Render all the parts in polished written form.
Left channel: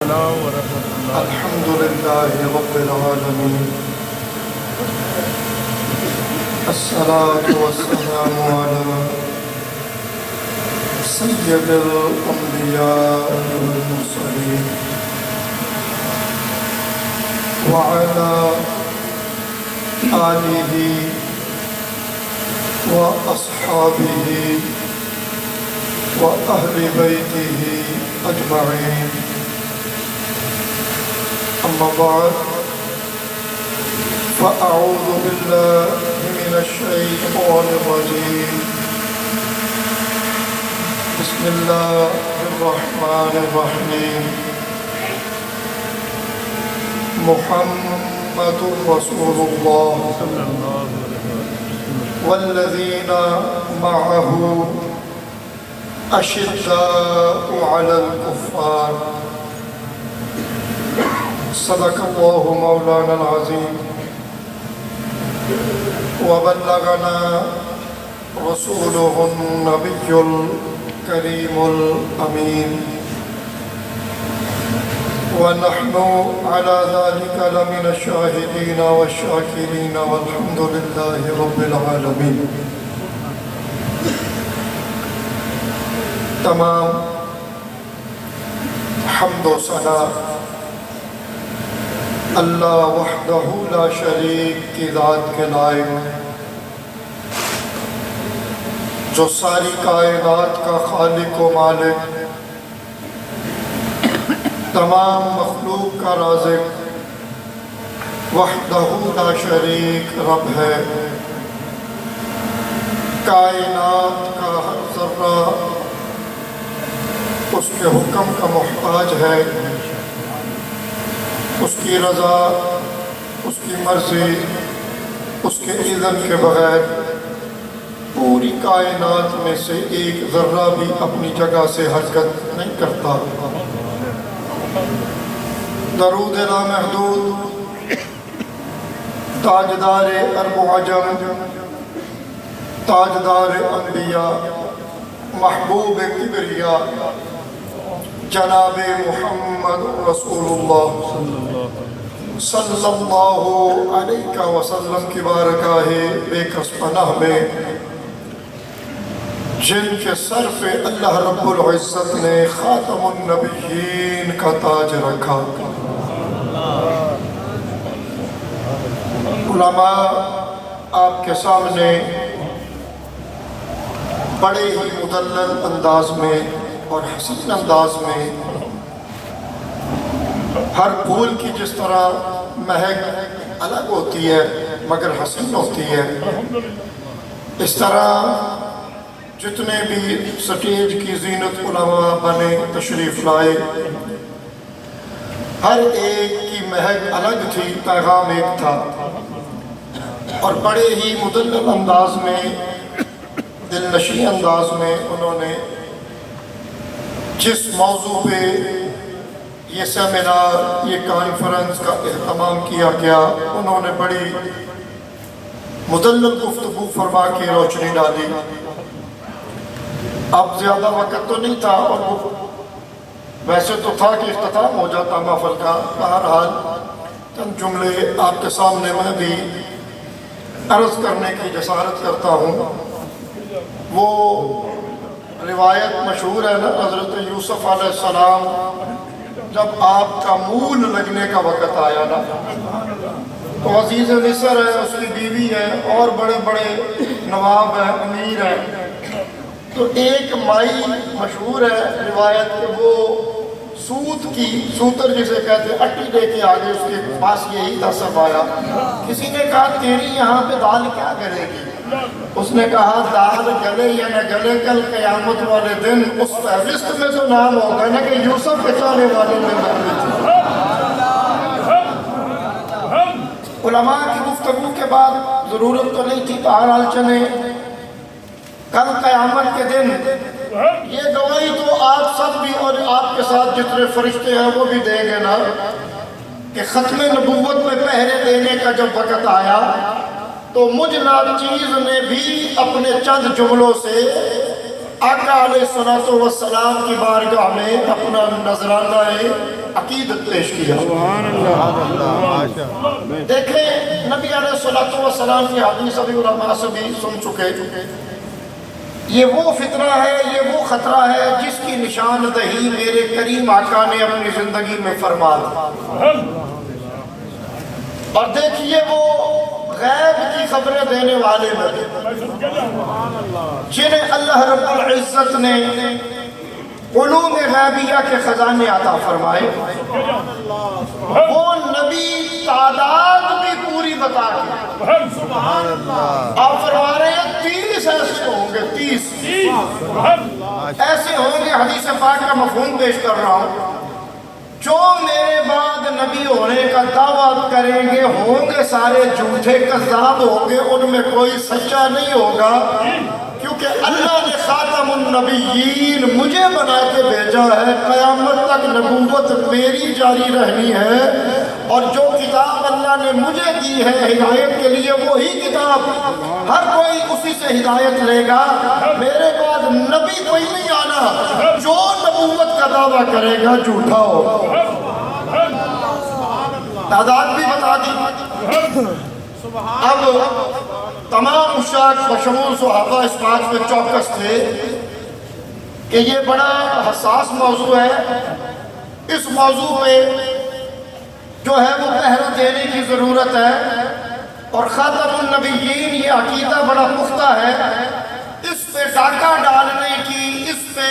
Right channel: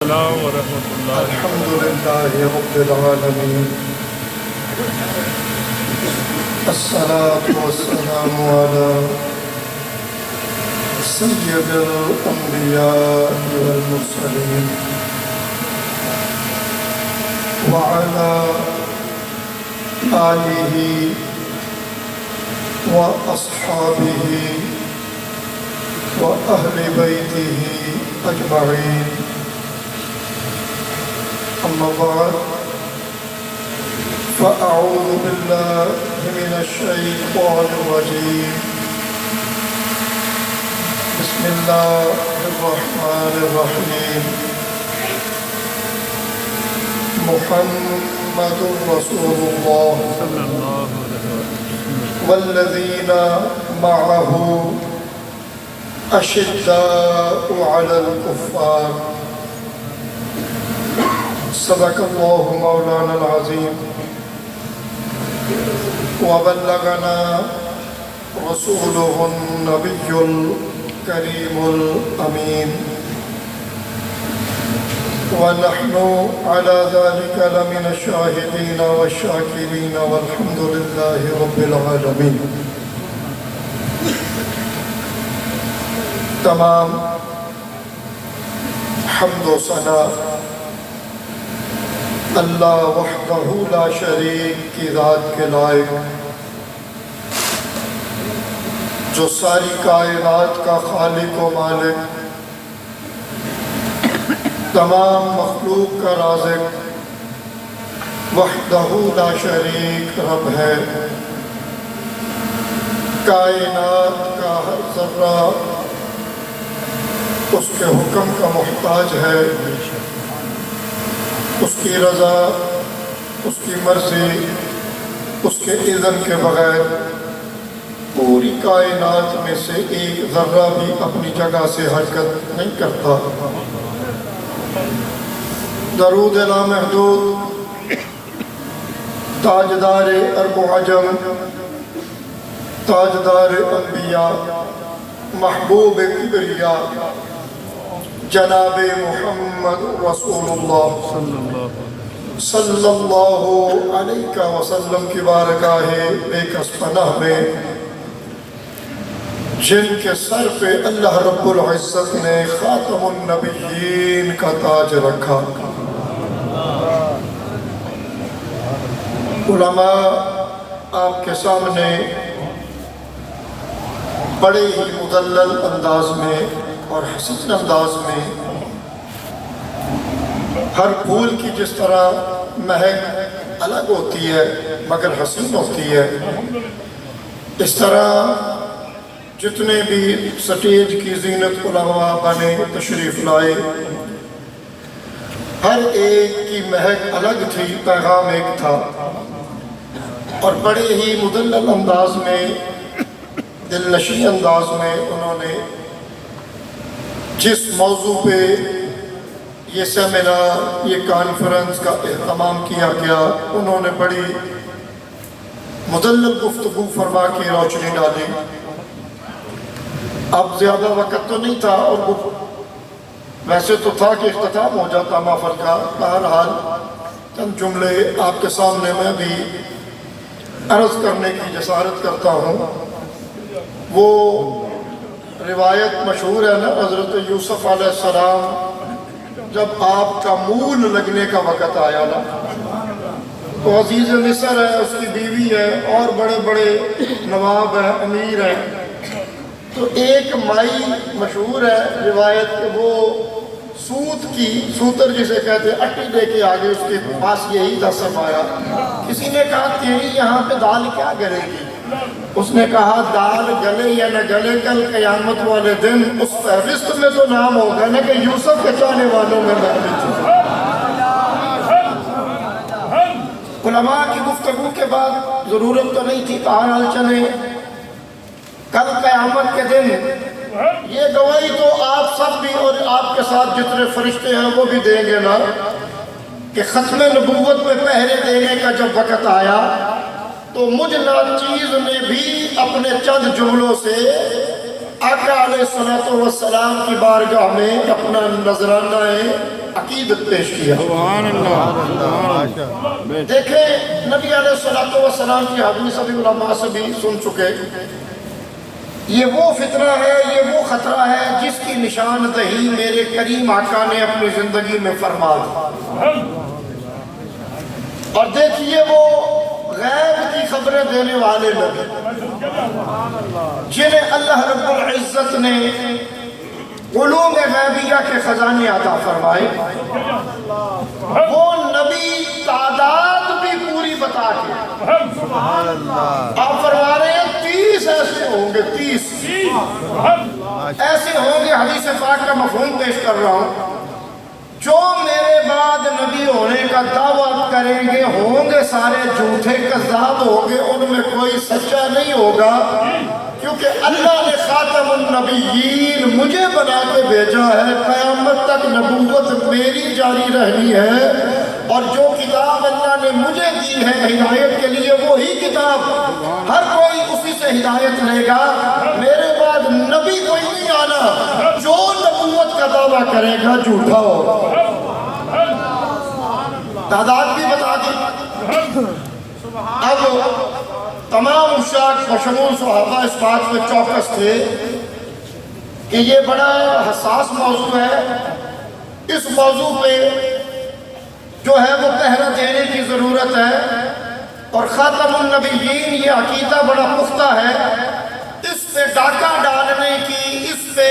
السلام ورحمۃ اللہ۔ الحمد لله رب العالمين، الصلاة والسلام على سيد الأنبياء والمرسلين وعلى آله وأصحابه وأهل بيته أجمعين، أما بعد، فأعوذ بالله من الشيطان الرجيم. بسم الله الرحمن الرحيم. محمد رسول الله والذين معه أشداء على الكفار. صدق الله مولانا العظيم وبلغنا رسوله النبي الكريم الأمين، ونحن على ذلك لمن الشاهدين والشاكرين، والحمد لله رب العالمين. تمام حمد و ثنا اللہ وحدہ لا شریک کی ذات کے لائق، جو ساری کائنات کا خالق و مالک، تمام مخلوق کا رازق، وحدہ لا شریک رب ہے. کائنات کا ہر ذرہ اس کے حکم کا محتاج ہے. اس کی رضا، اس کی مرضی، اس کے اذن کے بغیر پوری کائنات میں سے ایک ذرہ بھی اپنی جگہ سے حرکت نہیں کرتا. درود لامحدود تاجدار ارب و عجم، تاجدار انبیاء، محبوب کبریا، جناب محمد رسول اللہ صلی اللہ علیہ وسلم کی بارگاہ بے کس پناہ میں، جن کے سر پہ اللہ رب العزت نے خاتم النبیین کا تاج رکھا. علماء آپ کے سامنے بڑے ہی مدلل انداز میں اور حسین انداز میں، ہر پھول کی جس طرح مہک الگ ہوتی ہے مگر حسین ہوتی ہے، اس طرح جتنے بھی سٹیج کی زینت علماء بنے تشریف لائے، ہر ایک کی مہک الگ تھی، پیغام ایک تھا، اور بڑے ہی مدلل انداز میں، دل نشین انداز میں انہوں نے جس موضوع پہ یہ سیمینار، یہ کانفرنس کا اہتمام کیا گیا، انہوں نے بڑی مدلل گفتگو فرما کی روشنی ڈالی. اب زیادہ وقت تو نہیں تھا، اور وہ ویسے تو تھا کہ اختتام ہو جاتا محفل کا. بہرحال چند جملے آپ کے سامنے میں بھی عرض کرنے کی جسارت کرتا ہوں. وہ روایت مشہور ہے نا، حضرت یوسف علیہ السلام جب آپ کا مول لگنے کا وقت آیا نا، تو عزیز مصر ہے، اس کی بیوی ہے، اور بڑے بڑے نواب ہیں، امیر ہیں، تو ایک مائی مشہور ہے روایت کہ وہ سوتر جسے کہتے ہیں، اٹی لے کے آگے اس کے پاس یہی تھا سرمایا. کسی نے کہا تیری یہاں پہ دال کیا کرے گی؟ اس نے کہا دال گلے یا نہ گلے، کل قیامت والے دن اس فہرست میں تو نام ہوگا نا کہ یوسف کے چاہنے والوں میں علماء کی گفتگو کے بعد ضرورت تو نہیں تھی، تعال چلے کل قیامت کے دن یہ گواہی تو آپ سب بھی اور آپ کے ساتھ جتنے فرشتے ہیں وہ بھی دیں گے نا کہ ختم نبوت میں پہرے دینے کا جب وقت آیا تو مجھ ناچیز نے بھی اپنے چند جملوں سے آقا علیہ السلام کی بارگاہ میں اپنا نذرانہ عقیدت پیش کیا۔ دیکھیں نبی علیہ السلام کی حدیث ابھی علماء سے بھی سن چکے، یہ وہ فتنہ ہے، یہ وہ خطرہ ہے جس کی نشاندہی میرے کریم آقا نے اپنی زندگی میں فرما دی۔ اور دیکھیے وہ غیب کی خبریں دینے والے نبی جنہیں اللہ رب العزت نے علوم غیبیہ کے خزانے عطا فرمائے، وہ نبی تعداد بھی پوری بتا کے آپ فرما رہے ہیں 30 ایسے ہوں گے، 30 ایسے ہوں گے، حدیث پاک کا مفہوم پیش کر رہا ہوں، جو میرے بعد نبی ہونے کا دعویٰ کریں گے ہوں گے سارے جھوٹے کذاب ہوں گے، ان میں کوئی سچا نہیں ہوگا، کیونکہ اللہ نے خاتم النبیین مجھے بنا کے بھیجا ہے، قیامت تک نبوت میری جاری رہنی ہے، اور جو کتاب اللہ نے مجھے دی ہے ہدایت کے لیے وہی کتاب ہر کوئی اسی سے ہدایت لے گا، میرے بعد نبی کوئی نہیں آنا جو نبوت کا دعویٰ کرے گا جھوٹا ہو۔ تعداد بھی بتا دی۔ اب تمام مشاق بشمول صحابہ اس بات میں چوکس تھے کہ یہ بڑا حساس موضوع ہے، اس موضوع میں جو ہے وہ پہرہ دینے کی ضرورت ہے، اور خاتم النبیین یہ عقیدہ بڑا پختہ ہے، اس پہ ڈاکہ ڈالنے کی، اس پہ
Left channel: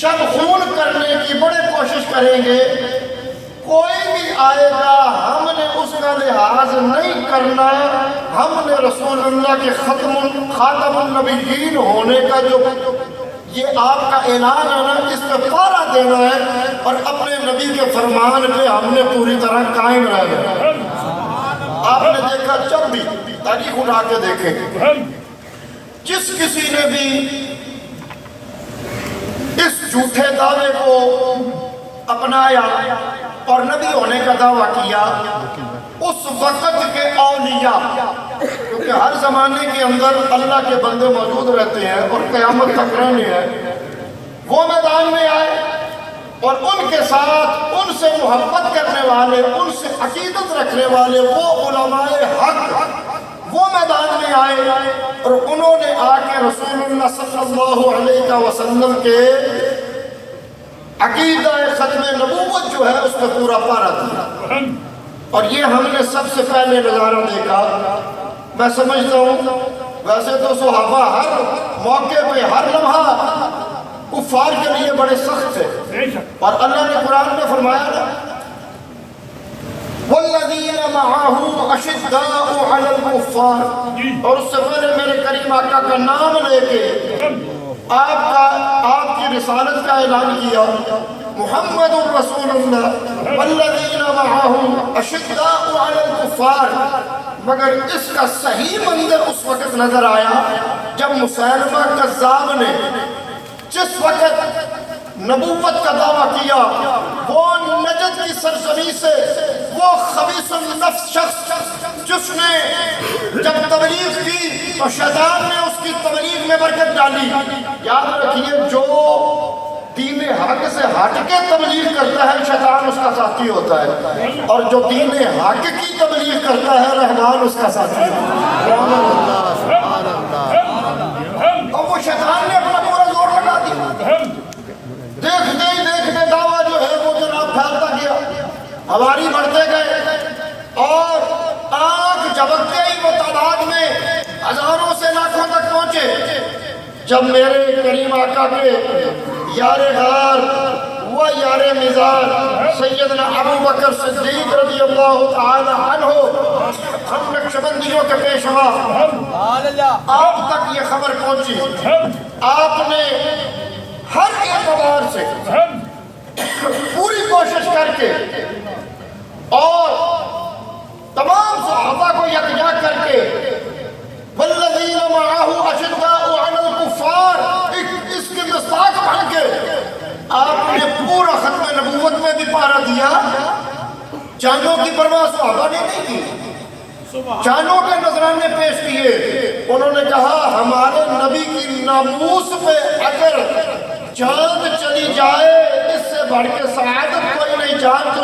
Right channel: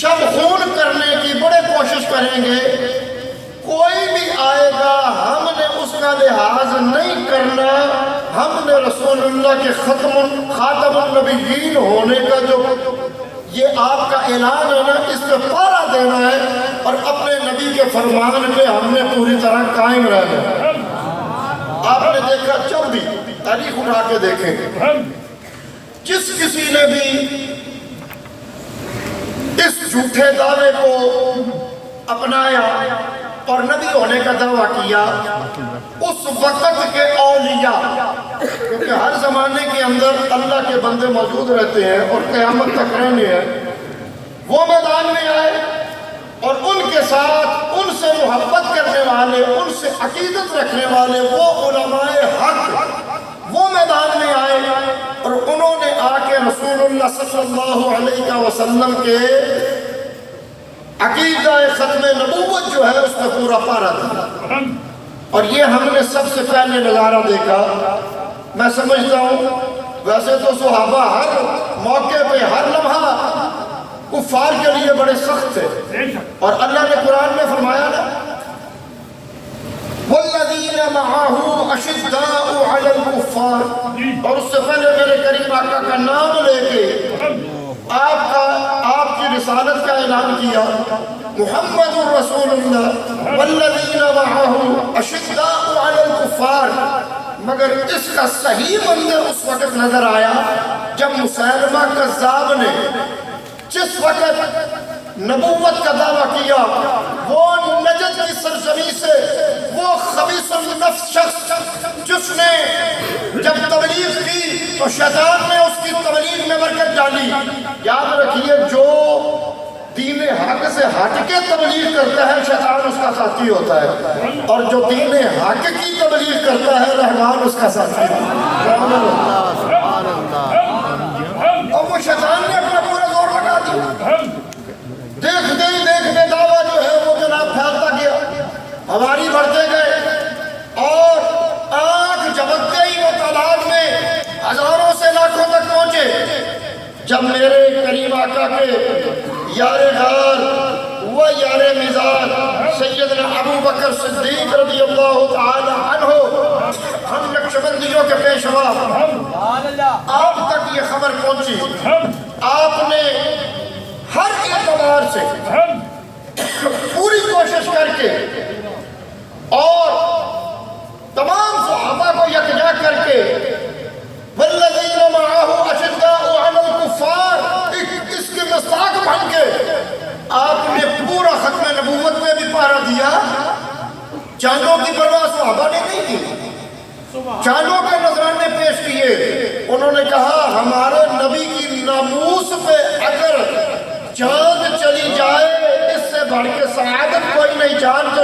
شب خون کرنے کی بڑے کوشش کریں گے، کوئی بھی آئے گا ہم نے اس کا لحاظ نہیں کرنا، ہم نے رسول اللہ کے خاتم النبیین ہونے کا جو یہ آپ کا اعلان ہے نا، اس پہ پارا دینا ہے، اور اپنے نبی کے فرمان پہ ہم نے پوری طرح قائم رہنا۔ آپ نے دیکھا جب بھی تاریخ اٹھا کے دیکھیں، جس کسی نے بھی اس جھوٹے دعوے کو اپنایا اور نبی ہونے کا دعویٰ کیا، اس وقت کے اولیاء، کیونکہ ہر زمانے کے اندر اللہ کے بندے موجود رہتے ہیں اور قیامت تک رہنے ہیں، وہ میدان میں آئے اور ان کے ساتھ ان سے محبت کرنے والے، ان سے عقیدت رکھنے والے وہ علماء حق وہ میدان میں آئے، اور انہوں نے آ کے رسول اللہ صلی اللہ علیہ وسلم کے عقیدہ ختم نبوت جو ہے اس میں پورا پارا تھا، اور یہ ہم نے سب سے پہلے نظارہ دیکھا۔ میں سمجھتا ہوں ویسے تو صحابہ ہر موقع پہ ہر لمحہ کفار کے لیے بڑے سخت تھے، اور اللہ نے قرآن میں فرمایا نا وَالَّذِينَ مَعَهُ أَشِدَّاءُ عَلَى الْكُفَّارِ، اور اس سے پہلے میرے کریم آقا کا نام لے کے آپ کی رسالت کا اعلان کیا، محمد الرسول اللہ والذین معه اشداء علی الکفار، مگر اس کا صحیح منظر اس وقت نظر آیا جب مسیلمہ کذاب نے جس وقت نبوت کا دعویٰ کیا، وہ نجد کی سرزمین سے وہ خبیث النفس شخص جس نے جب تبلیغ کی تو شیطان نے اس کی تبلیغ میں برکت ڈالی۔ یاد رکھیے جو دین حق سے ہٹ کے تبلیغ کرتا ہے شیطان اس کا ساتھی ہوتا ہے، اور جو دین حق کی تبلیغ کرتا ہے رحمان اس کا ساتھی ہوتا ہے۔ اور وہ شیطان نے اپنا پورا زور لگا دیا، دیکھتے ہی دیکھتے دعویٰ جو ہے وہ جناب پھیلتا گیا، ہماری بڑھتے گئے، اور آنکھ جھپکتے ہی وہ تعداد میں ہزاروں سے لاکھوں تک پہنچے، جب میرے کریم آقا کے یار غار و یار مزار سیدنا ابو بکر صدیق رضی اللہ تعالی عنہ ہم نقشبندیوں کے پیشوا آپ تک یہ خبر پہنچی، آپ نے ہر اعتبار سے پوری کوشش کر کے اور تمام صحابہ کو یکجا کر کے والذین معه اشداء علی الکفار اس کی مصداق بن کے آپ نے پورا ختم نبوت میں بھی پارا دیا۔ جانوں کی پرواہ صحابہ نے نہیں کی، جانوں کے نذرانے پیش کیے، انہوں نے کہا ہمارے نبی کی ناموس پہ اگر چاند چلی جائے اس سے بڑھ کے سعادت کوئی نہیں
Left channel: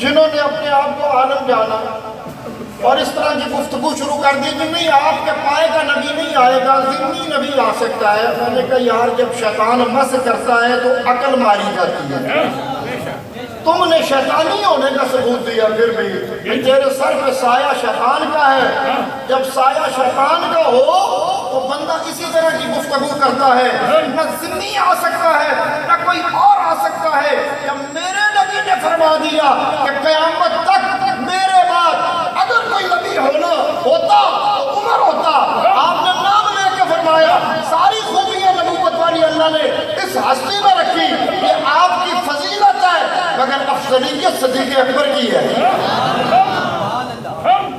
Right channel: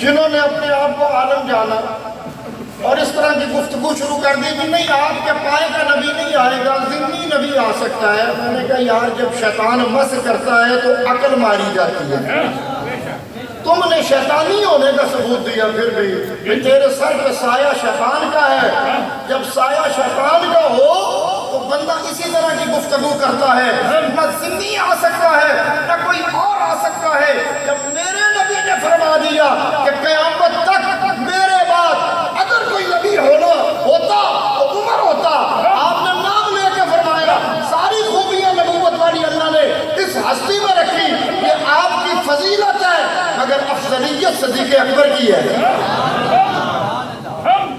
جنہوں نے اپنے آپ کو عالم جانا اور اس طرح کی گفتگو شروع کر دی کہ نہیں آپ کے پائے کا نبی نہیں آئے گا، ضمنی نبی آ سکتا ہے. میں نے کہا یار جب شیطان مس کرتا ہے تو عقل ماری جاتی ہے. تم نے شیطانی ہونے کا ثبوت دیا پھر بھی تیرے سر پہ سایہ شیطان کا ہے. جب سایہ شیطان کا ہو تو بندہ اسی طرح کی گفتگو کرتا ہے. نہ ضمنی آ سکتا ہے نہ کوئی اور آ سکتا ہے. جب میرے نبی نے فرما دیا کہ قیامت تک میرے بعد اگر کوئی نبی ہوتا تو عمر ہوتا، آپ نے نام لے کے فرمایا ساری خوبیاں نبوت والی اللہ نے اس ہستی میں رکھی. یہ آپ کی فضیلت ہے مگر افضلیت صدیق اکبر کی ہے.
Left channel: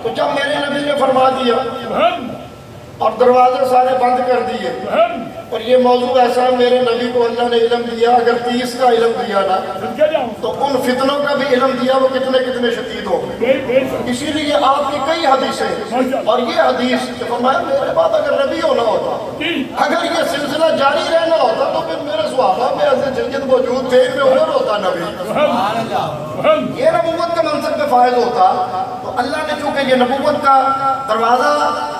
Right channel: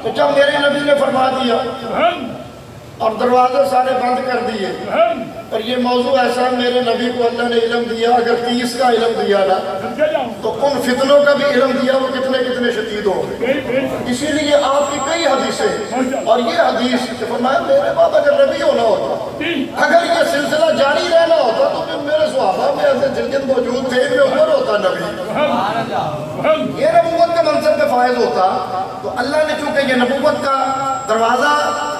تو جب میرے نبی نے فرما دیا اور دروازے سارے بند کر دیے اور یہ موضوع ایسا میرے نبی کو اللہ نے علم دیا، اگر 30 کا علم دیا نا تو ان فتنوں کا بھی علم دیا وہ کتنے شدید ہو گئے. اسی لیے آپ کی کئی حدیثیں اور یہ حدیث کہ فرمایا میرے بعد اگر نبی ہونا ہوتا، اگر یہ سلسلہ جاری رہنا ہوتا تو پھر میرے صحابہ میں ایسے جلد موجود تھے کہ عمر ہوتا نبی. یہ نبوت کا منصب میں فائز ہوتا تو اللہ نے چونکہ یہ نبوت کا دروازہ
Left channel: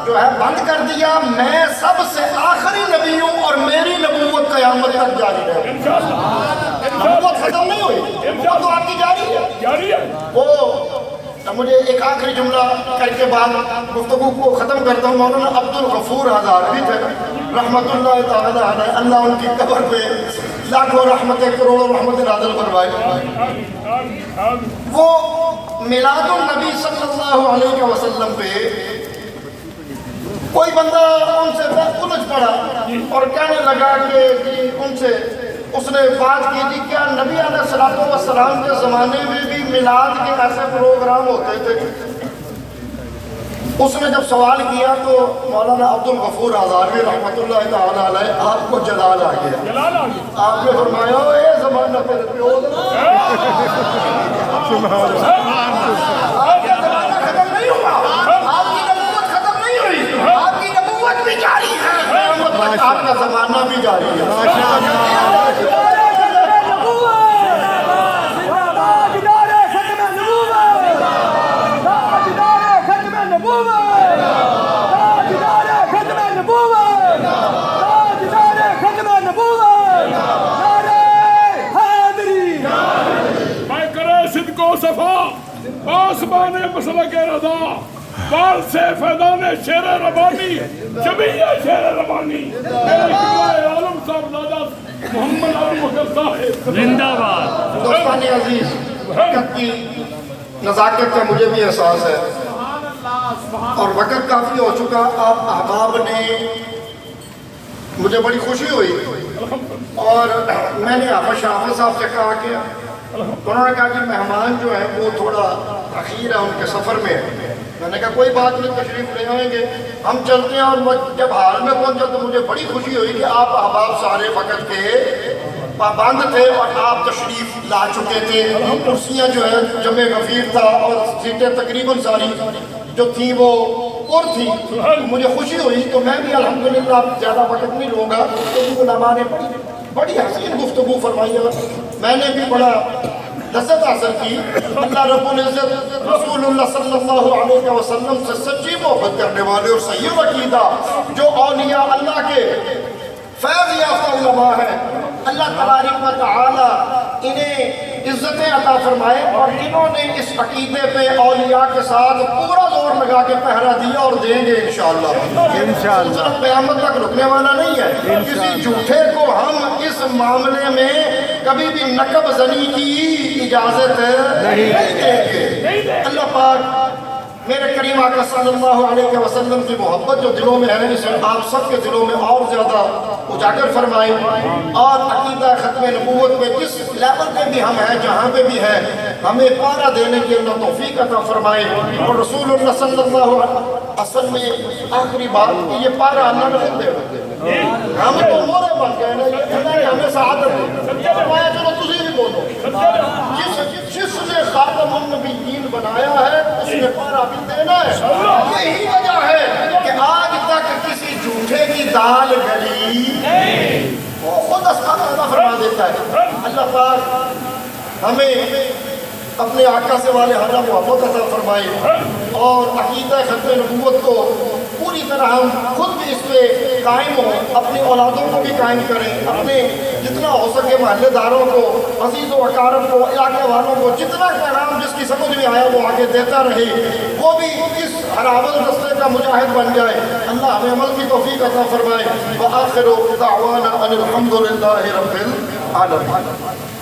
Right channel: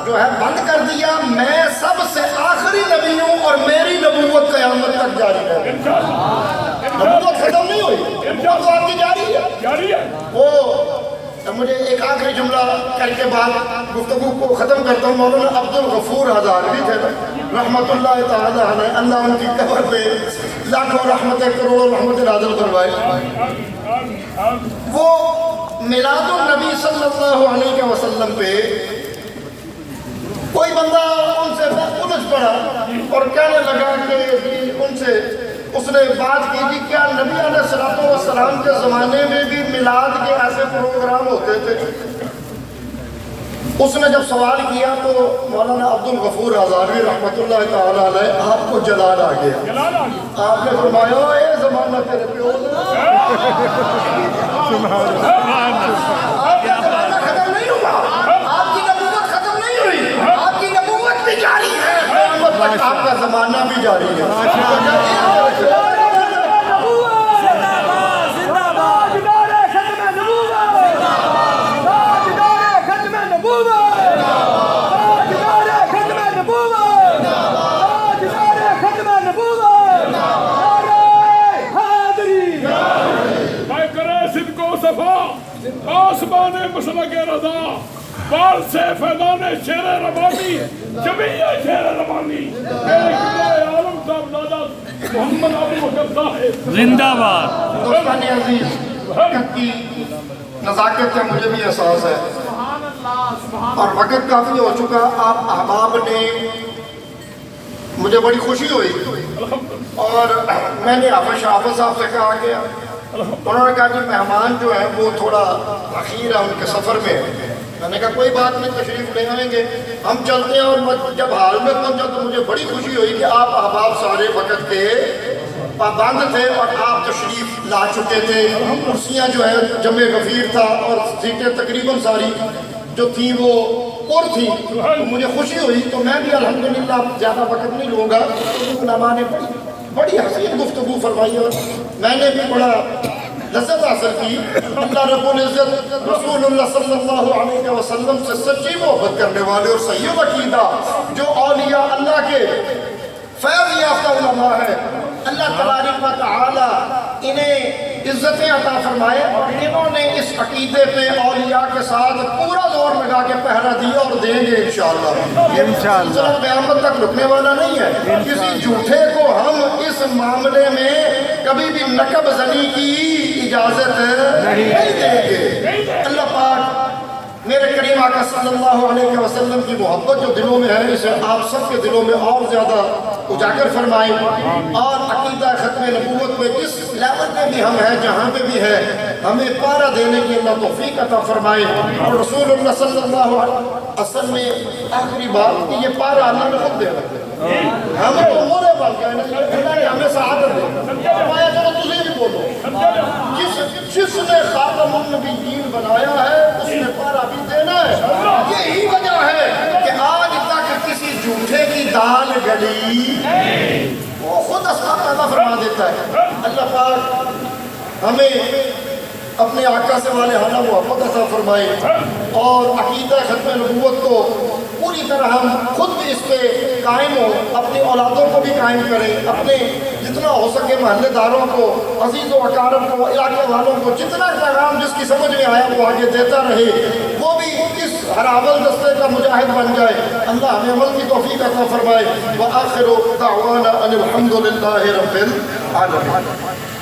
جو ہے بند کر دیا. میں سب سے آخری نبی ہوں اور میری نبوت قیامت تک جاری ہے. نبوت ختم نہیں ہوئی، نبوت تو آپ کی جاری ہے. وہ مجھے ایک آخری جملہ کر کے بعد گفتگو کو ختم کرتا ہوں. مولانا عبدالغفور ہزاروی تھے رحمت اللہ تعالی علیہ، اللہ ان کی قبر پہ لاکھوں رحمتیں کروڑوں رحمتیں نازل فرمائے. وہ میلاد النبی صلی اللہ علیہ وسلم پہ کوئی بندہ ان سے الجھ پڑا اور کہنے لگا کہ ان سے اس نے بات کی کہ کیا نبی علیہ السلام کے زمانے میں بھی میلاد کے ایسے پروگرام ہوتے تھے؟ اس نے جب سوال کیا تو مولانا عبدالغفور ہزاروی رحمت اللہ تعالی علیہ آپ کو جلال آ گیا. آپ نے فرمایا اے زمانہ تیرے پیو جاری ہے، آپ کا زمانہ بھی جاری ہے. میں کرے صدق و صفا آسمان مسلک رضا بال سے فیضان شیر ربانی جمیع شیر ربانی میرے قبلہ عالم صاحب دادا محمد عالم صاحب زندہ باد. دوستان عزیز، وقت کی نزاکت کا مجھے بھی احساس ہے اور وقت کافی ہو چکا. آپ احباب نے مجھے بڑی خوشی ہوئی اور میں نے حافظ صاحب سے کہا کہ انہوں نے کہا کہ مہمان جو ہیں وہ تھوڑا اخیر ہے ان کے سفر میں. میں نے کہا کوئی بات نہیں، تشریف لے آئیں گے، ہم چلتے ہیں. اور جب حال میں پہنچا تو مجھے بڑی خوشی ہوئی کہ آپ احباب سارے وقت کے پابند تھے اور آپ تشریف لا چکے تھے. کرسیاں جو ہے جمع غفیر تھا اور سیٹیں تقریباً ساری جو تھیں وہ پر تھی. مجھے خوشی ہوئی تو میں بھی الحمدللہ زیادہ وقت نہیں لوں گا. علماء نے بڑی حسین گفتگو فرمائی اور میں نے بھی بڑا لذت حاصل کی. اللہ رب العزت رسول اللہ صلی اللہ علیہ وسلم سے سچی محبت کرنے والے اور صحیح عقیدہ جو اولیاء اللہ کے فیض یافتہ علماء ہیں، اللہ تبارک و تعالی انہیں عزتیں عطا فرمائے اور انہوں نے اس عقیدے پہ اولیاء کے ساتھ پورا زور لگا کے پہرا دیا اور دیں گے انشاءاللہ. قیامت تک رکنے والا نہیں ہے. کسی جھوٹے کو ہم اس معاملے میں کبھی بھی نقب زنی کی اجازت نہیں دیں گے. اللہ پاک میرے کریم آقا صلی اللہ علیہ وسلم کی محبت جو دلوں میں ہے اسے آپ سب کے دلوں میں اور زیادہ اجاگر فرمائیں اور عقیدہ ختم نبوت میں جس لیول پہ بھی ہم ہیں جہاں پہ بھی ہیں ہمیں پارا دینے کی اللہ توفیق عطا فرمائے. اور رسول اللہ صلی اللہ علیہ وسلم میں آخری بات کہ یہ پارا اللہ نے خود دے رہے ہم تو مورے بن گئے نا، یہ ہمیں سعادت دے فرمایا. چلو تجھے بھی بولو جس نے خاتم النبیین بنایا ہے اس نے پارا بھی دینا ہے. یہی وجہ ہے کہ آج تک کسی جھوٹے کی دال گلی وہ خود اسقاط عطا فرما دیتا ہے. اللہ پاک ہمیں اپنے آقا سے والہانہ محبت عطا فرمائے اور عقیدہ ختم نبوت کو پوری طرح ہم خود بھی اس پہ قائم ہوں، اپنی اولادوں کو بھی قائم کریں، اپنے جتنا ہو سکے محلے داروں کو، عزیز و اقارب کو، علاقے والوں کو جتنا پیغام جس کی سمجھ میں آیا وہ آگے دیتا رہے، وہ بھی اس ہراول دستے کا مجاہد بن جائے۔ اللہ ہمیں عمل کی توفیق عطا فرمائے۔ وآخر دعوانا ان الحمد للہ رب العالمین۔